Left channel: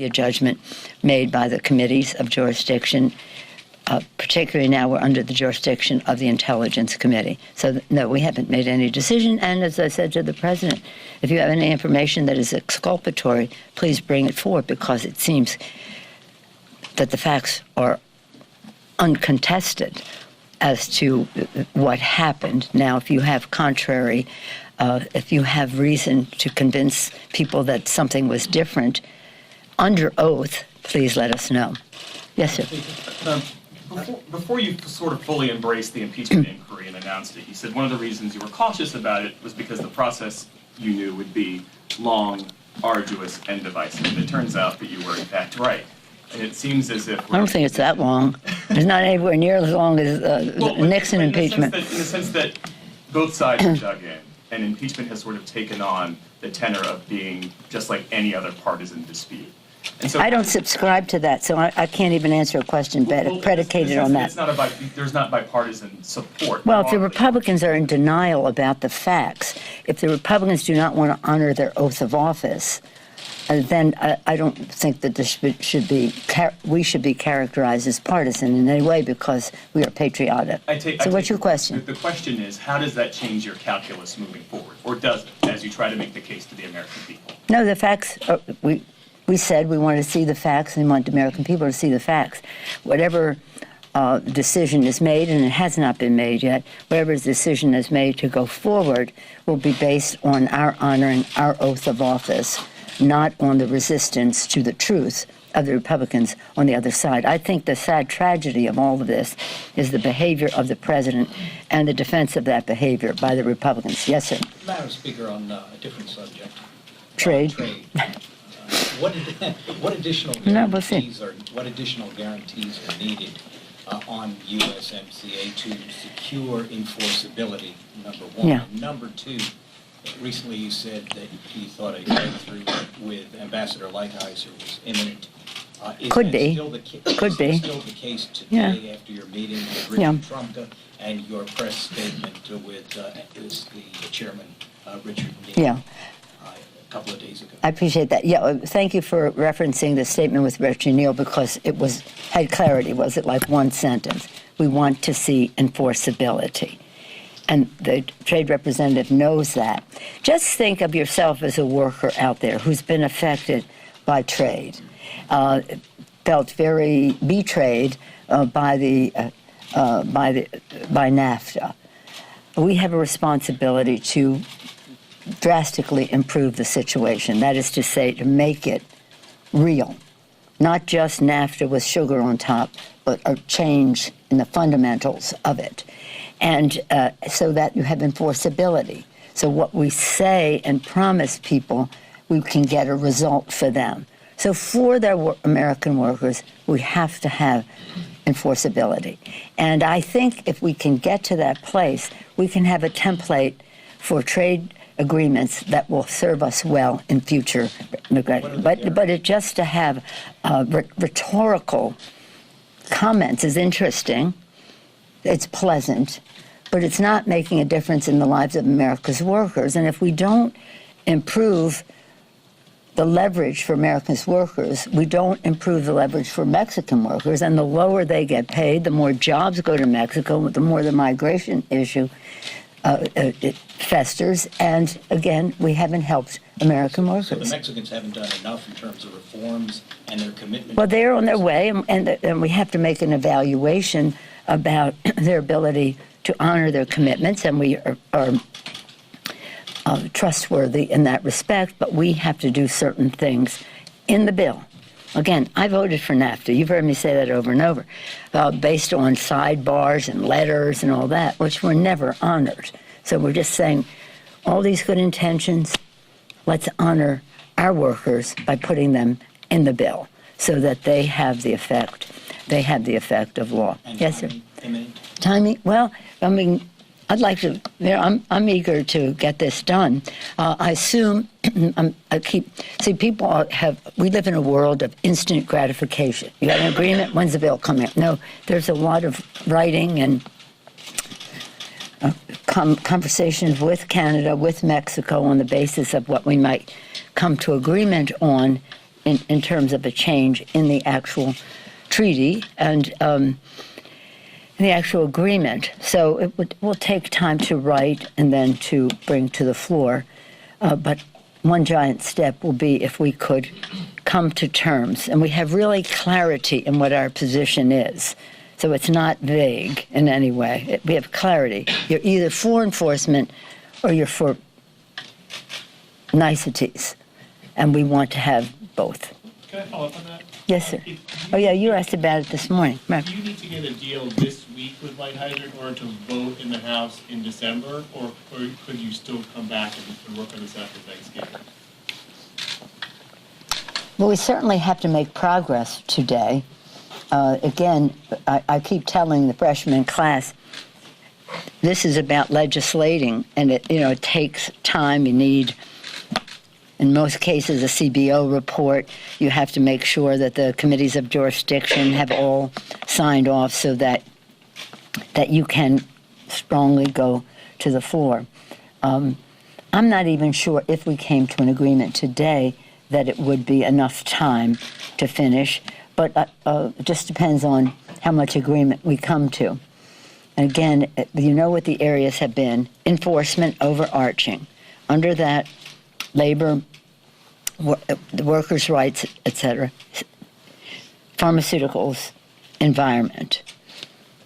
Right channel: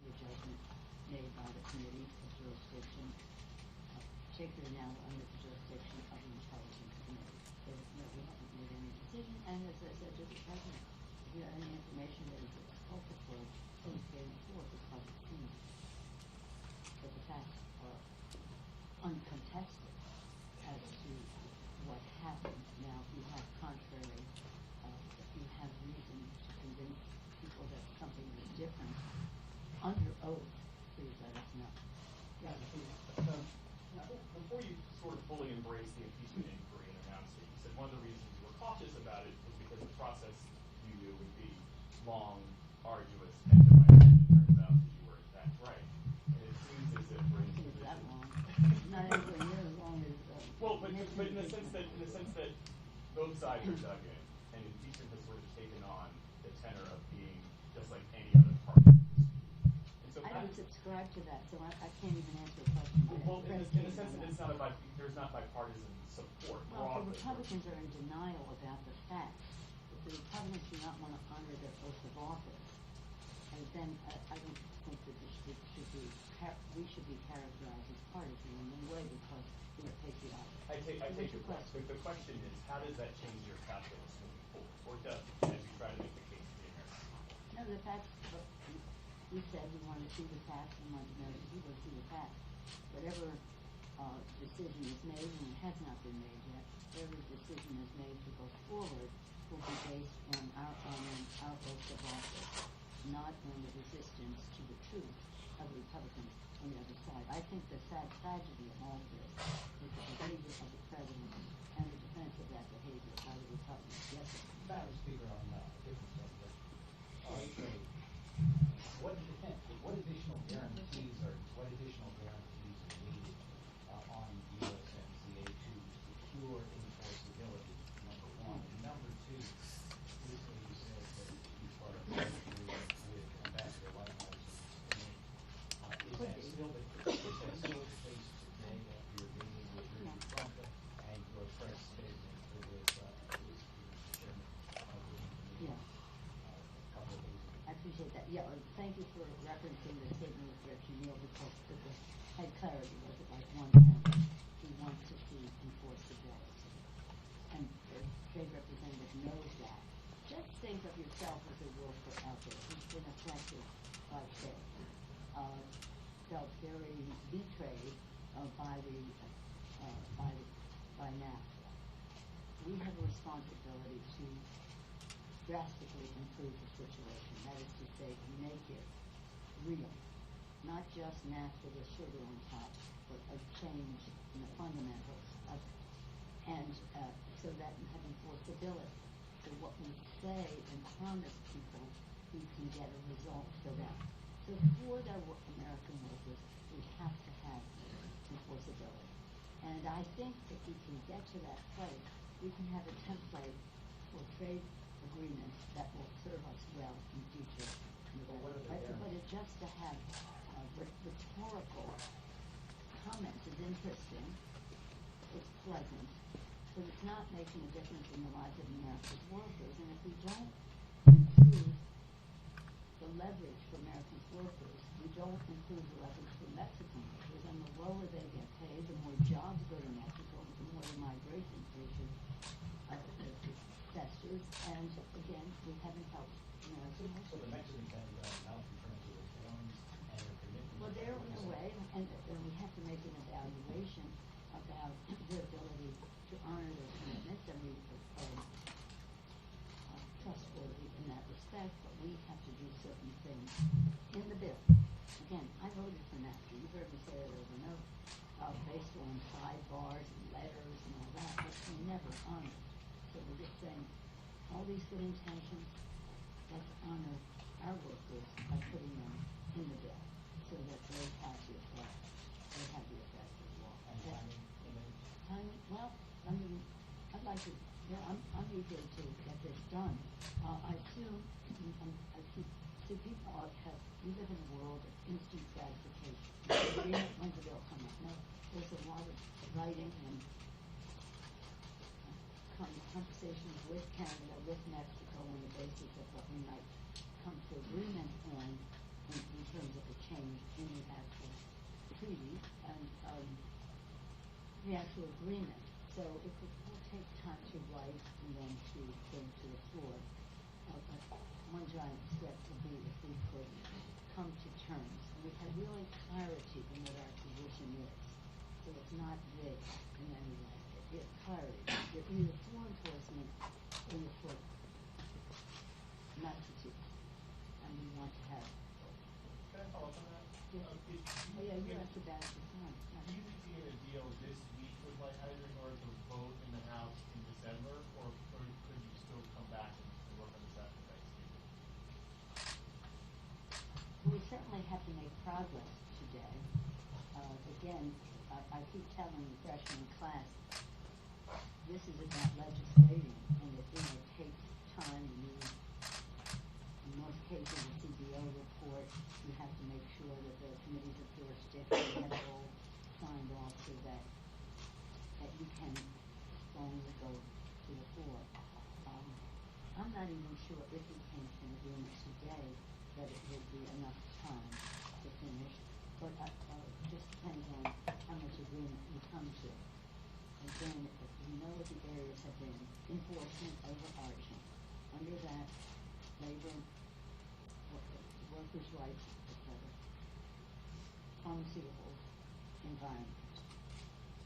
A judgment made by the committees of jurisdiction, particularly now we're under the jurisdiction of the Intelligence Committee. So, no, we haven't made any decision. And as I said to the President, if you have any information that is exculpatory, please bring it forward, because it seems that the facts are uncontested as to what happened. Now, if you have contrary, if you have reason to convince people that something was different, under oath, please let us know. Yes, sir. Before you sort of fully embraced the impeachment inquiry and announced it, you said one of the reasons you were cautious about it was because the process you knew would be long, arduous, and divisive. And it turns out that you were, in fact, right. And it seems as if... I don't think it's that long. It's not anywhere near as long as Nixon impeachment. In the sense that both sides are dug in, and impeachment has sort of taken on the tenor of being just like any other partisan dispute. And so, I don't subscribe to that, so I can't even answer a question predicated on that. There's not bipartisan support. Well, if the Republicans are in denial about the facts, if the Republicans do not want to honor their oath of office, then I don't think that this we should be characterized as partisan in any way, because we are patriotic. So what's your question? The question is, how does that change your calculus moving forward? Or does it, as you try to make the case to the American people? No, the facts, we said we wanted to see the facts, and we want the American people to see the facts. Whatever decision is made, and it has not been made yet, whatever decision is made to go forward will be based on our honoring our oath of office, not on the resistance to the truth of the Republicans on the other side. I think the sad tragedy of all of this is the behavior of the president and the defense of that behavior by the Republicans. Yes, sir. Madam Speaker, on a different subject. Trade. What additional guarantees are needed on USMCA to secure enforceability, number one? Yeah. And number two, recently you said that you thought a breakthrough with Ambassador Lighthizer was imminent. Could be. Could be. Still the case today after your meeting with Richard Trumka and your press statement with the chairman, Richard Neal? Yeah. A couple of days ago. I appreciate that. Yeah, thank you for referencing the statement with Richard Neal, because it had clarity. Was it like one sentence? We want to see enforceability. And the trade representative knows that. Just think of yourself as a worker out there who's been affected by trade, felt very betrayed by NAFTA. We have a responsibility to drastically improve the situation. That is to say, to make it real. Not just NAFTA with sugar on top, but a change in the fundamentals of it. And so that you have enforceability. So what we say and promise people, we can get a result for them. So for their American workers, we have to have enforceability. And I think if we can get to that place, we can have a template for trade agreements that will serve us well in future. But it just to have rhetorical comments is interesting. It's pleasant, but it's not making a difference in the lives of America's workers. And if we don't improve the leverage for America's workers, we don't improve the leverage for Mexican workers. And the lower they get paid, the more jobs go to Mexico, the more the migration issue it festers, and again, we haven't helped American workers. So the Mexicans haven't done enough in terms of reforms and their commitment? Well, they're on their way, and we have to make an evaluation about their ability to honor their commitments, and we are trustworthy in that respect, but we have to do certain things in the bill. Again, I voted for NAFTA. You've heard me say that over and over, based on sidebars and letters and all that, which were never honored. So we're just saying, all these good intentions, let's honor our workers by putting them in the bill so that they have the effect. They have the effect of law. And yes, timing, sir. Imminent? Timing? Well, I mean, I'd like to, I'm eager to get this done. I assume, people we live in a world of instant gratification. You got an agreement, when's the bill coming up? No, there's a lot of writing and conversations with Canada, with Mexico on the basis of what we might come to agreement on in terms of a change in the actual treaty and the actual agreement. So it will take time to write and then to bring to the floor. But one giant step will be if we could come to terms and we have really clarity in what our position is. So it's not vague in any way. We have clarity. You're either for enforcement or you're for niceties. And we want to have both. Can I follow up on that? Yes, sir. Oh, yeah, you asked about it this morning. Right. Do you need to get a deal this week with Lighthizer in order to vote in the House in December, or could you still come back and work on this after Thanksgiving? Well, we certainly have to make progress today. Again, I keep telling the freshman class, this is about legislating, and it takes time. You need, in most cases, a CBO report. You have to make sure that the committees of jurisdiction have all signed off so that you can strongly go to the floor. I'm not even sure if we came to an agreement today that it would be enough time to finish, but it just depends on how much agreement we come to. And again, you know what the areas have been: enforcement, overarching. Under that, labor, the workers' rights, etc., pharmaceuticals, environment.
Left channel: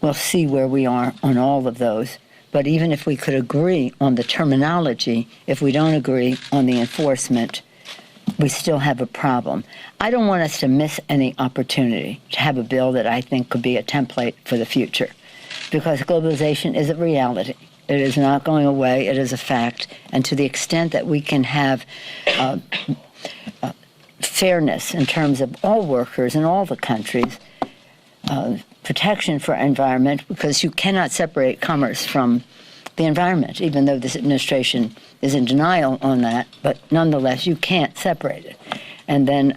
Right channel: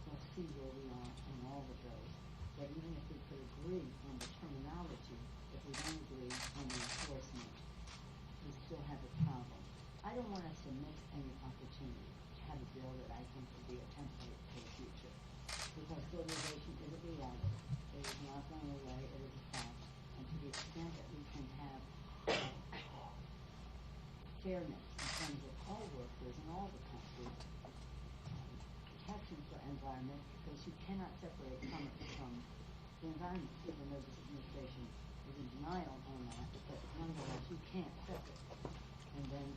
We'll see where we are on all of those. But even if we could agree on the terminology, if we don't agree on the enforcement, we still have a problem. I don't want us to miss any opportunity to have a bill that I think could be a template for the future, because globalization is a reality. It is not going away. It is a fact. And to the extent that we can have fairness in terms of all workers in all the countries, protection for environment, because you cannot separate commerce from the environment, even though this administration is in denial on that, but nonetheless, you can't separate it. And then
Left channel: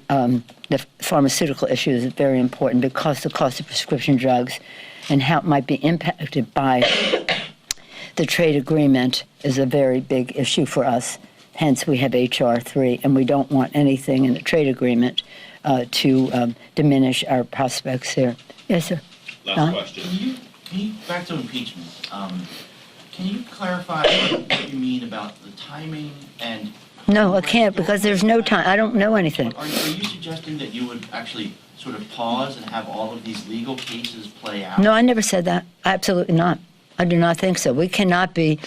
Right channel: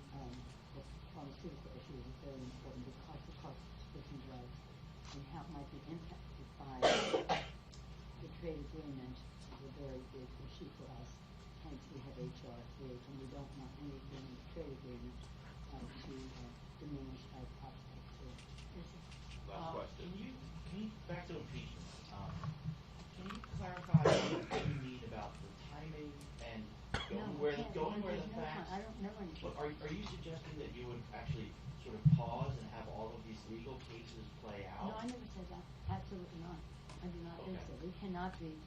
the pharmaceutical issue is very important because the cost of prescription drugs and how it might be impacted by the trade agreement is a very big issue for us. Hence, we have H.R. 3, and we don't want anything in the trade agreement to diminish our prospects here. Yes, sir. Last question. Can you back to impeachment? Can you clarify what you mean about the timing and? No, I can't, because there's no time. I don't know anything. Are you suggesting that you would actually sort of pause and have all of these legal cases play out? No, I never said that. Absolutely not. I do not think so. We cannot be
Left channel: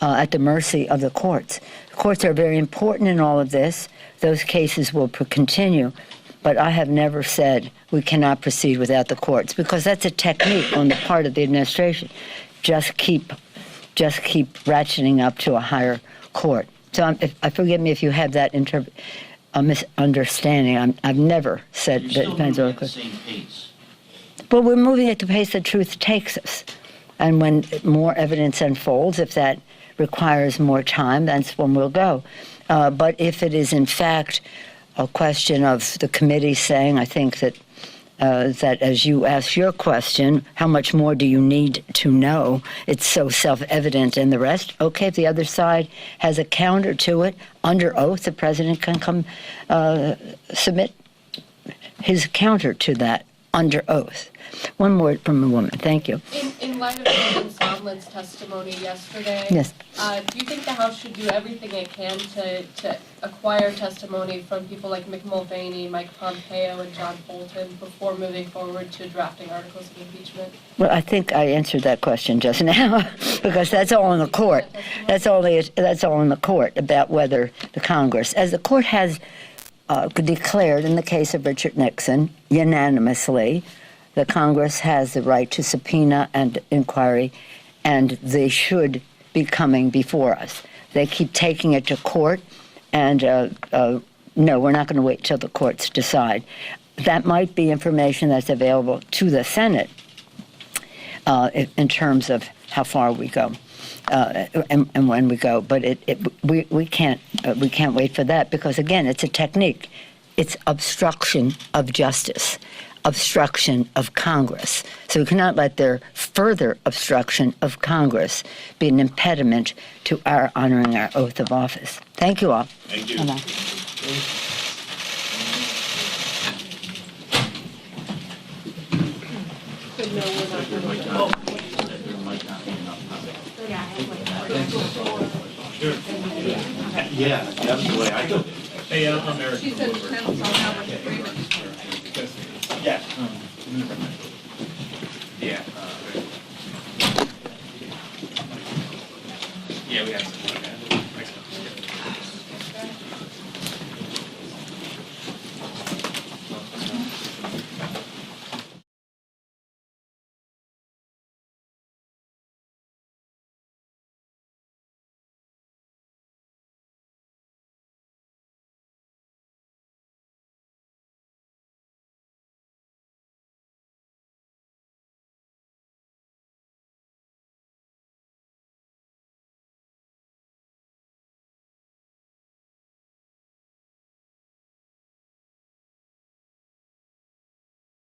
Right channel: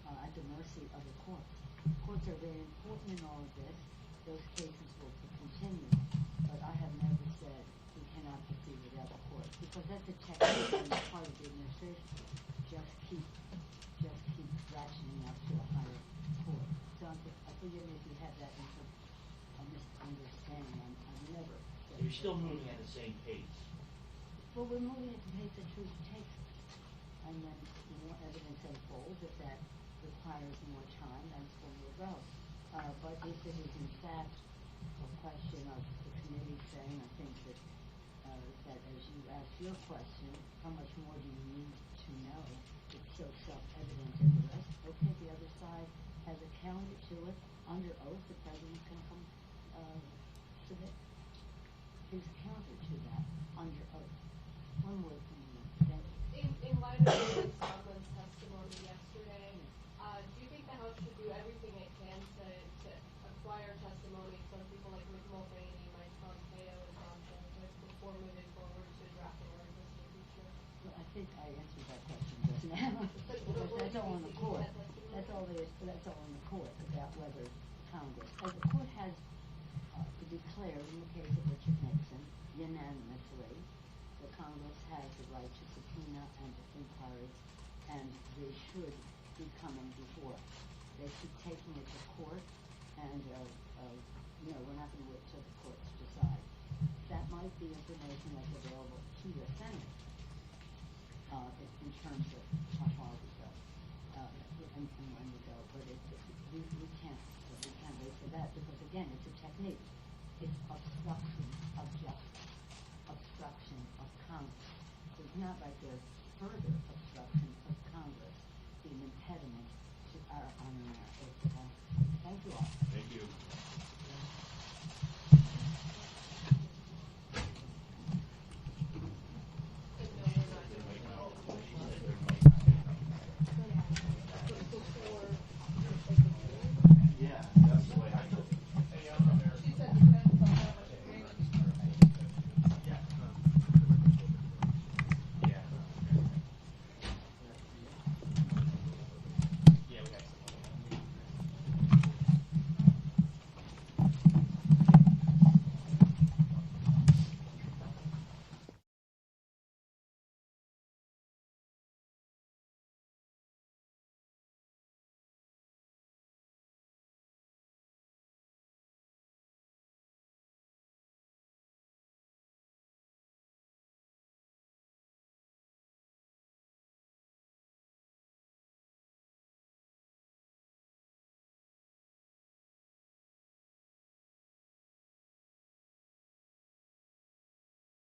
at the mercy of the courts. The courts are very important in all of this. Those cases will continue. But I have never said we cannot proceed without the courts, because that's a technique on the part of the administration. Just keep ratcheting up to a higher court. So forgive me if you have that misunderstanding. I've never said that it depends on the court. Same pace. But we're moving at the pace that truth takes us. And when more evidence unfolds, if that requires more time, that's when we'll go. But if it is in fact a question of the committee saying, I think that as you ask your question, how much more do you need to know? It's so self-evident and the rest. Okay, if the other side has a counter to it, under oath, the president can come submit his counter to that under oath. One word from a woman. Thank you. In light of Norman Sondland's testimony yesterday, Yes. Do you think the House should do everything it can to acquire testimony from people like Mick Mulvaney, Mike Pompeo, and John Bolton before moving forward to drafting articles of impeachment? Well, I think I answered that question just now, because that's all in the court. That's all in the court about whether the Congress, as the court has declared in the case of Richard Nixon unanimously, the Congress has the right to subpoena and inquiry, and they should be coming before us. They keep taking it to court, and no, we're not going to wait till the courts decide. That might be information that's available to the Senate in terms of how far we go and when we go. But we can't wait for that, because again, it's a technique. It's obstruction of justice. Obstruction of Congress. So we cannot let their further obstruction of Congress be an impediment to our honoring our oath of office. Thank you all. Thank you. Bye-bye. said, no, we're not going to do it. There might not be enough time. Yeah, that's the way I took it. Hey, I'm Eric. She said, depends on how much agreement. Yeah.